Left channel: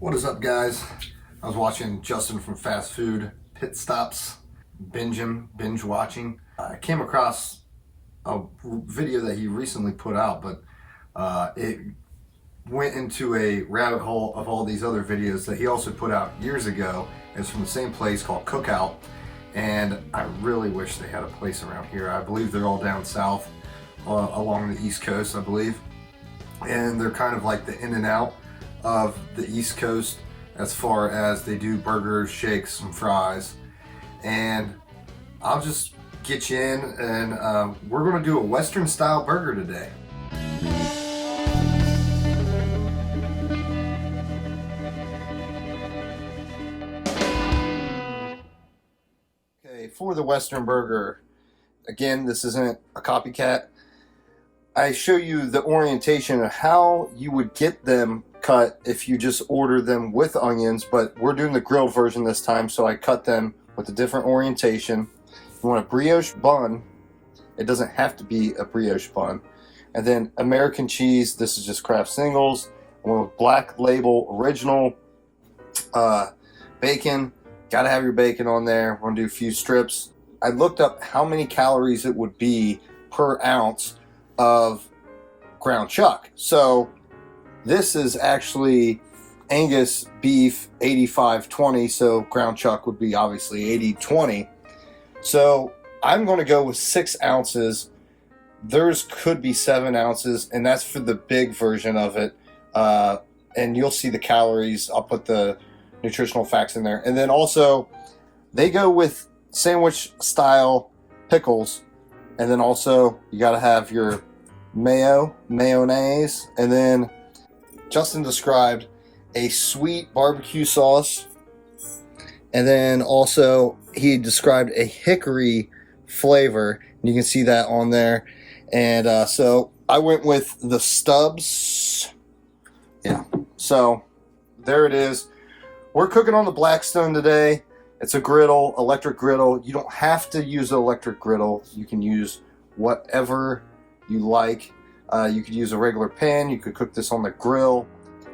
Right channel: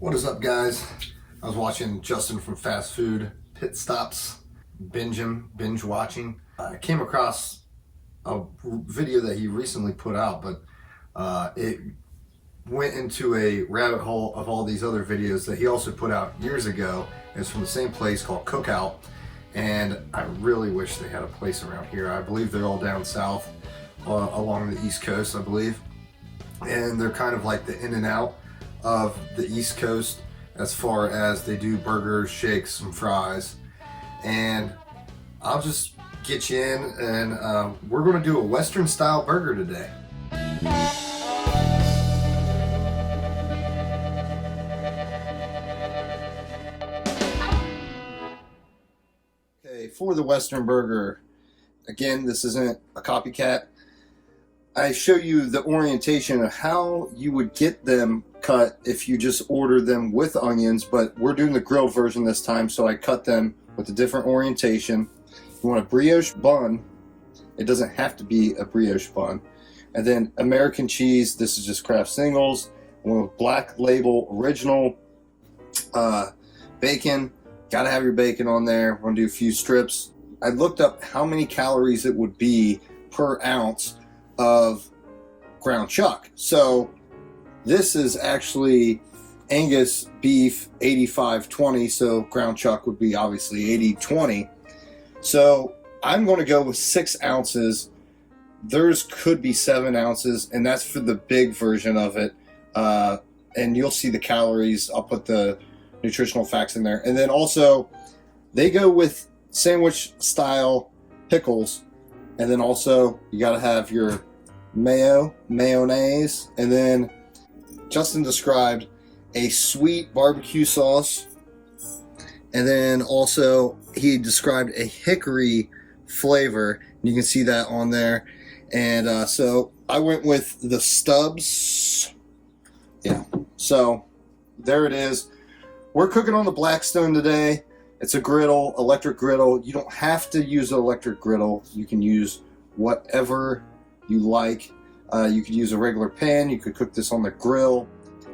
What is up, guys? I was watching Justin from Fast Food Pit Stops, binge watching. I came across a video that he recently put out, but it went into a rabbit hole of all these other videos that he also put out years ago. It's from the same place called Cookout, and I really wish they had a place around here. I believe they're all down south along the East Coast, I believe, and they're kind of like the in and out of the East Coast as far as they do burgers, shakes, and fries. And I'll just get you in, and we're going to do a Western style burger today. Okay, for the Western burger, again, this isn't a copycat. I show you the orientation of how you would get them cut if you just order them with onions, but we're doing the grilled version this time, so I cut them with a different orientation. You want a brioche bun. It doesn't have to be a brioche bun. And then American cheese. This is just Kraft singles. I want a black label original bacon. Gotta have your bacon on there. I'm gonna do a few strips. I looked up how many calories it would be per ounce of ground chuck. So this is actually Angus beef 85/20, so ground chuck would be obviously 80/20. So I'm going to go with 6 ounces. Theirs could be 7 ounces, and that's for the big version of it. And you'll see the calories. I'll put the nutritional facts in there. And then also, they go with sandwich style pickles. And then also, you got to have your mayonnaise, and then Justin described a sweet barbecue sauce, and then also he described a hickory flavor, and you can see that on there. And so I went with the stubs. Yeah, so there it is. We're cooking on the Blackstone today. It's a griddle, electric griddle. You don't have to use an electric griddle. You can use whatever you like. You could use a regular pan. You could cook this on the grill.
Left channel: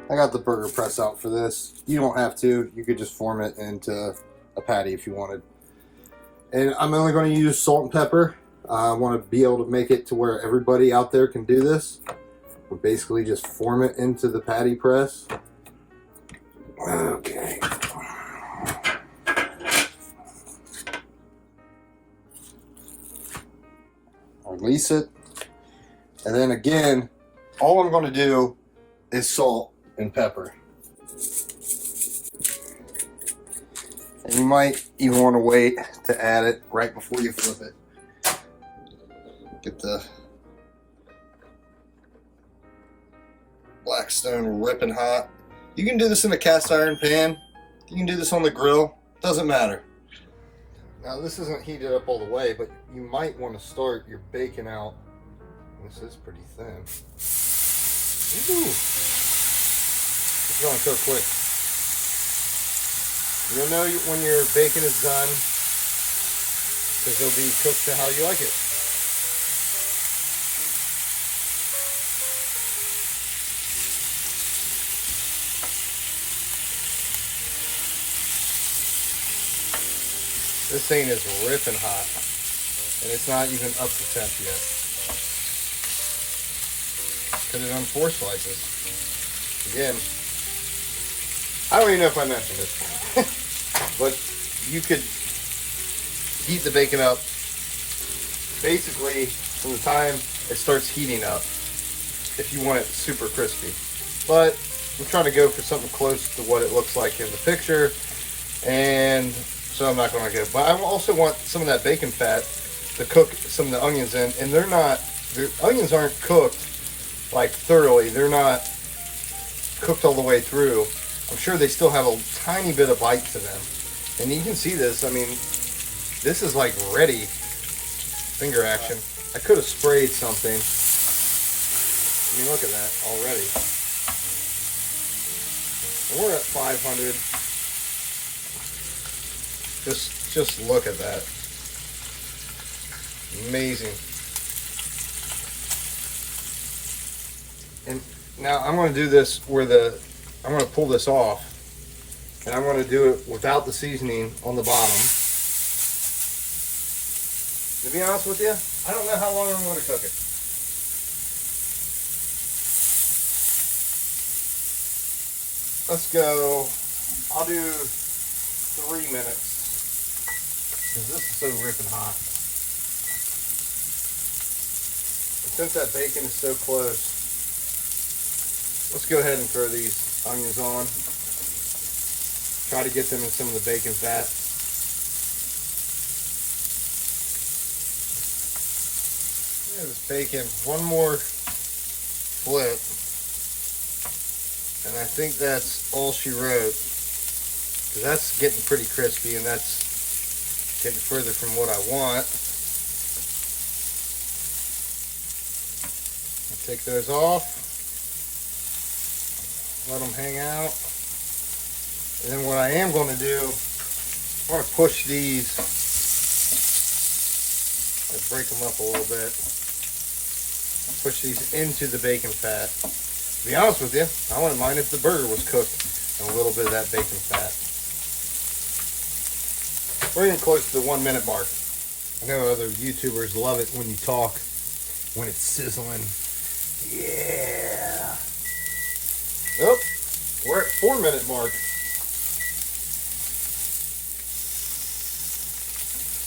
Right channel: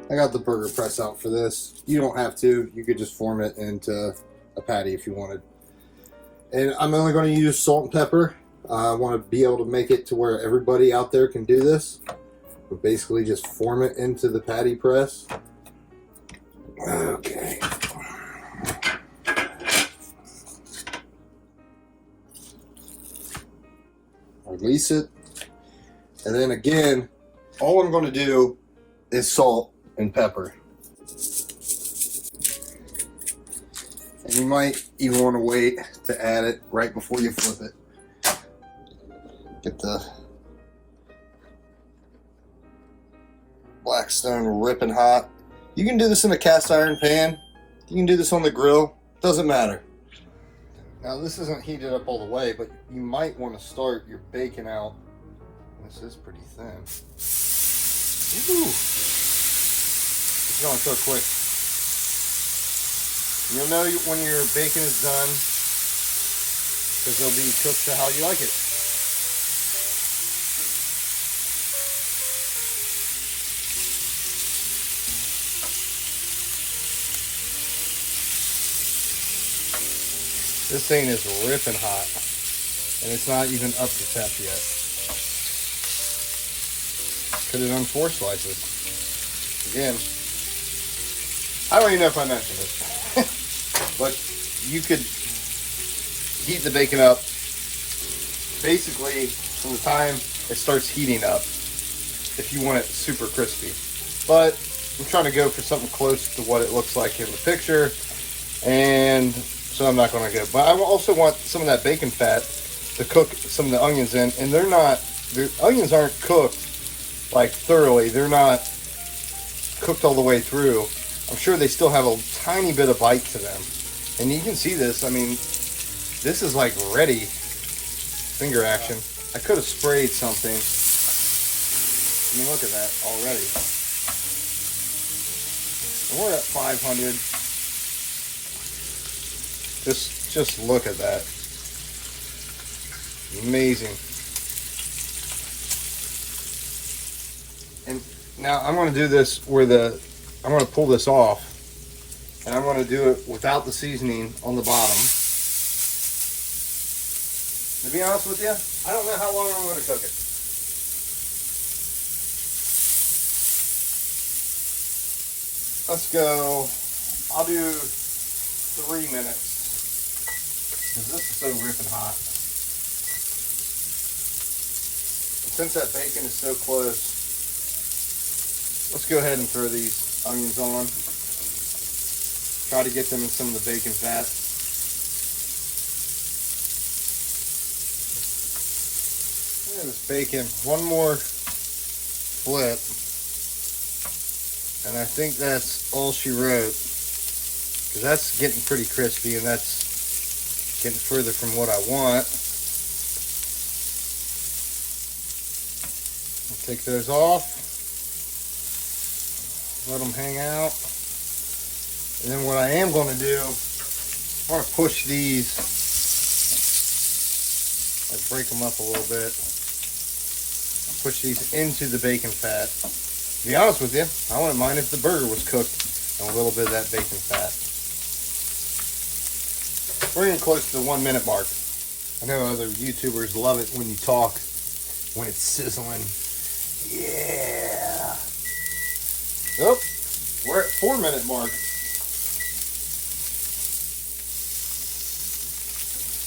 I got the burger press out for this. You don't have to. You could just form it into a patty if you wanted. And I'm only going to use salt and pepper. I want to be able to make it to where everybody out there can do this. But basically just form it into the patty press. Okay. Release it. And then again, all I'm going to do is salt and pepper. And you might even want to wait to add it right before you flip it. Get the Blackstone ripping hot. You can do this in a cast iron pan. You can do this on the grill. Doesn't matter. Now this isn't heated up all the way, but you might want to start your bacon out. This is pretty thin. Ooh. It's going so quick. You'll know when your bacon is done, because it'll be cooked to how you like it. This thing is ripping hot, and it's not even up to temp yet. Put it on 4 slices. Again, I don't even know if I mentioned it, but you could heat the bacon up basically from the time it starts heating up if you want it super crispy. But I'm trying to go for something close to what it looks like in the picture, and so I'm not going to go. But I also want some of that bacon fat to cook some of the onions in, and the onions aren't cooked like thoroughly. They're not cooked all the way through. I'm sure they still have a tiny bit of bite to them. And you can see this. I mean, this is like ready. Finger action. I could have sprayed something. I mean, look at that already. And we're at 500. Just look at that. Amazing. And now I'm going to do this where I'm going to pull this off And I'm going to do it without the seasoning on the bottom. To be honest with you, I don't know how long I'm going to cook it. Let's go, I'll do 3 minutes. Because this is so ripping hot. Since that bacon is so close, let's go ahead and throw these onions on. Try to get them in some of the bacon fat. There's bacon. One more flip. And I think that's all she wrote. Because that's getting pretty crispy and that's getting further from what I want. I'll take those off. Let them hang out. And then what I am going to do, I want to push these. I'll break them up a little bit. Push these into the bacon fat. To be honest with you, I wouldn't mind if the burger was cooked in a little bit of that bacon fat. We're getting close to the 1 minute mark. I know other YouTubers love it when you talk, when it's sizzling. Yeah. Nope. We're at 4 minute mark.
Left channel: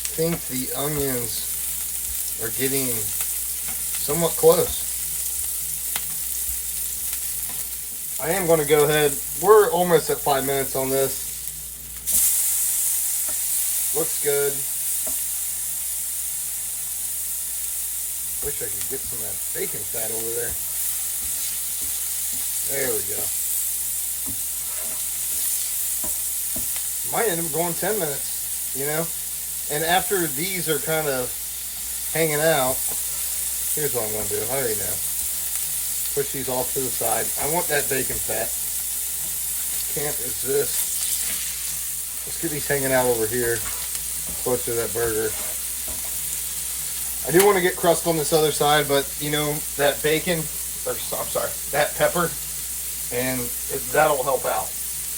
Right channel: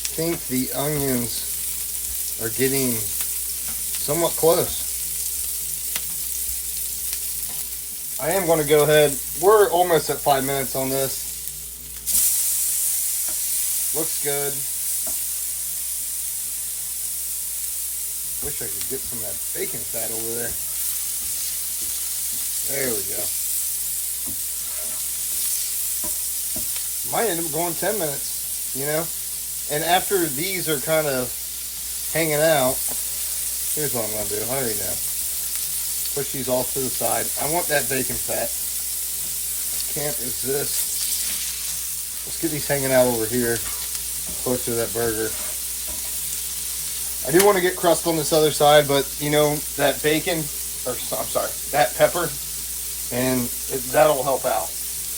I think the onions are getting somewhat close. I am going to go ahead. We're almost at 5 minutes on this. Looks good. Wish I could get some of that bacon fat over there. There we go. Might end up going 10 minutes, you know? And after these are kind of hanging out, here's what I'm going to do. I already know. Push these off to the side. I want that bacon fat. Can't resist. Let's get these hanging out over here, close to that burger. I do want to get crust on this other side, but you know, that bacon, or I'm sorry, that pepper, and that'll help out.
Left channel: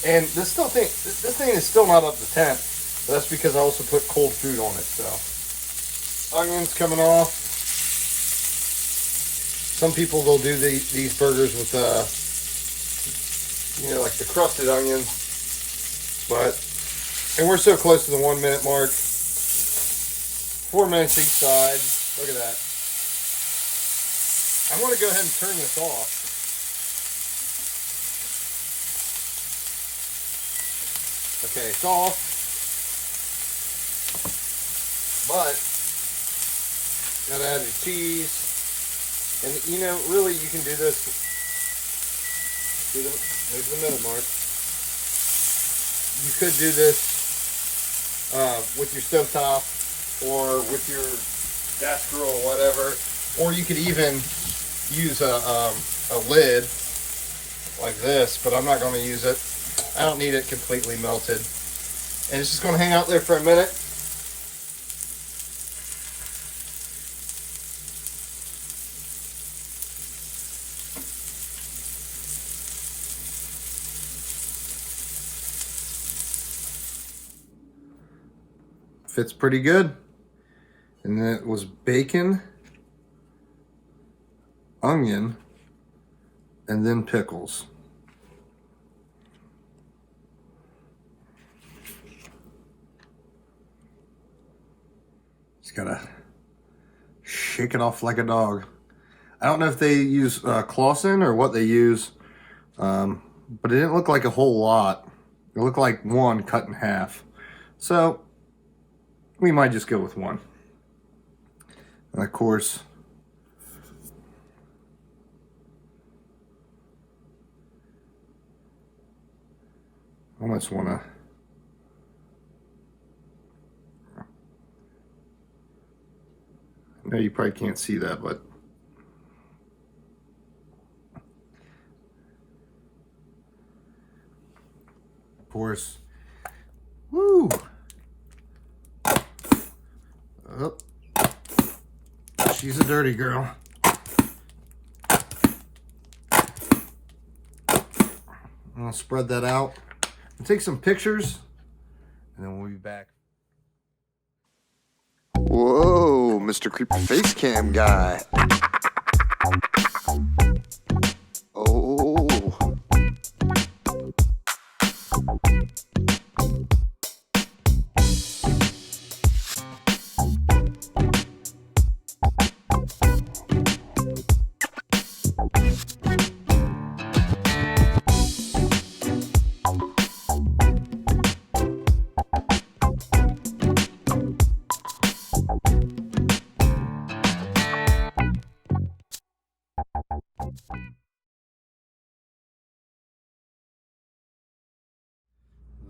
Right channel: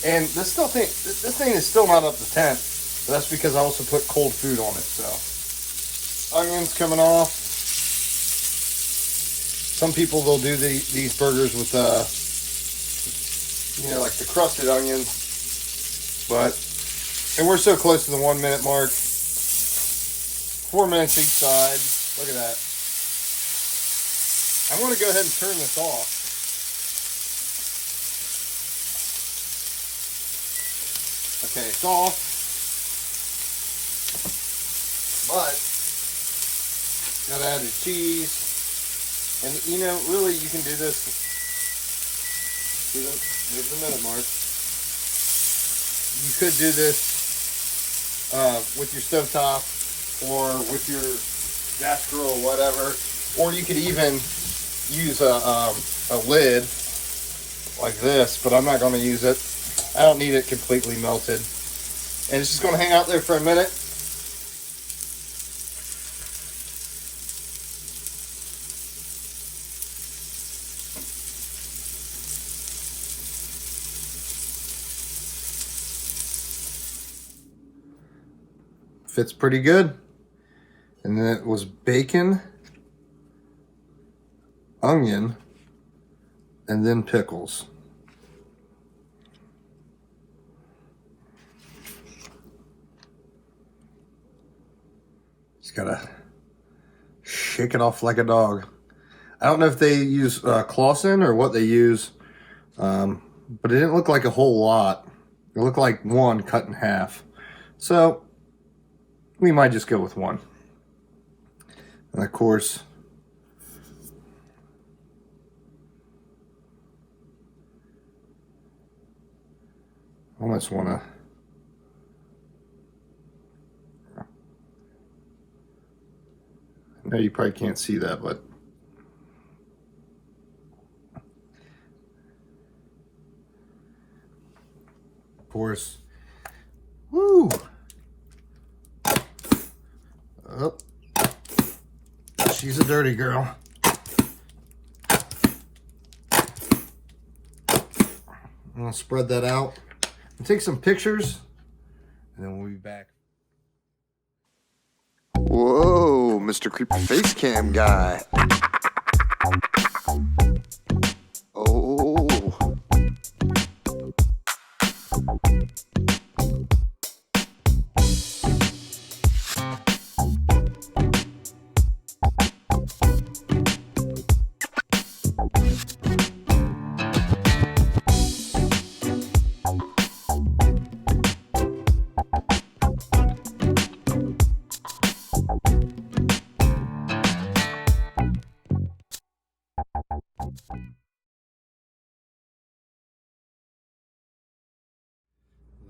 And this thing is still not up to temp, but that's because I also put cold food on it. So onions coming off. Some people they'll do these burgers with you know, like the crusted onions, and we're so close to the 1 minute mark. 4 minutes each side. Look at that. I'm going to go ahead and turn this off. Okay, it's off. But gotta add your cheese. And you know, really you can do this. There's the minute mark. You could do this with your stovetop or with your gas grill or whatever. Or you could even use a lid like this, but I'm not going to use it. I don't need it completely melted. And it's just going to hang out there for a minute. Fits pretty good. And then it was bacon, onion, and then pickles. Just gotta shake it off like a dog. I don't know if they use Clausen or what they use, but it didn't look like a whole lot. It looked like one cut in half. So we might just go with one. And of course, I almost want to I know you probably can't see that, but of course, woo! Oh, she's a dirty girl. I'll spread that out. We'll take some pictures, and then we'll be back. Whoa, Mr. Creepy Face Cam guy. Oh.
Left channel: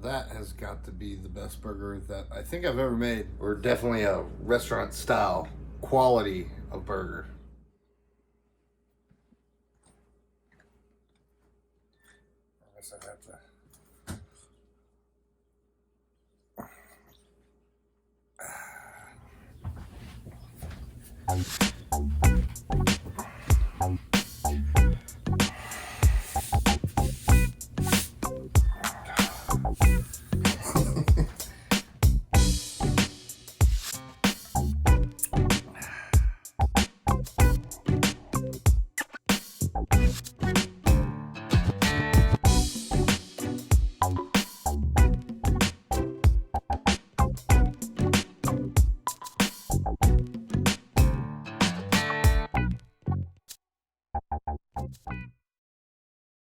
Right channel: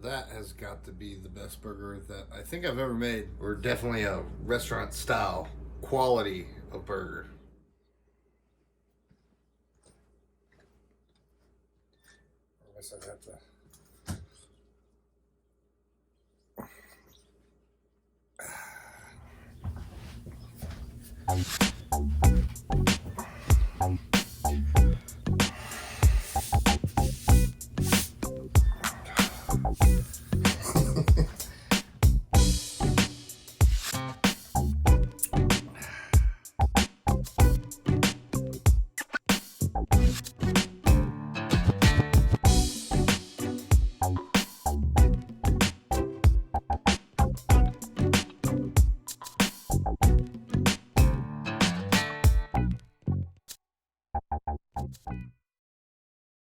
That has got to be the best burger that I think I've ever made. We're definitely a restaurant style quality of burger. I guess I have to.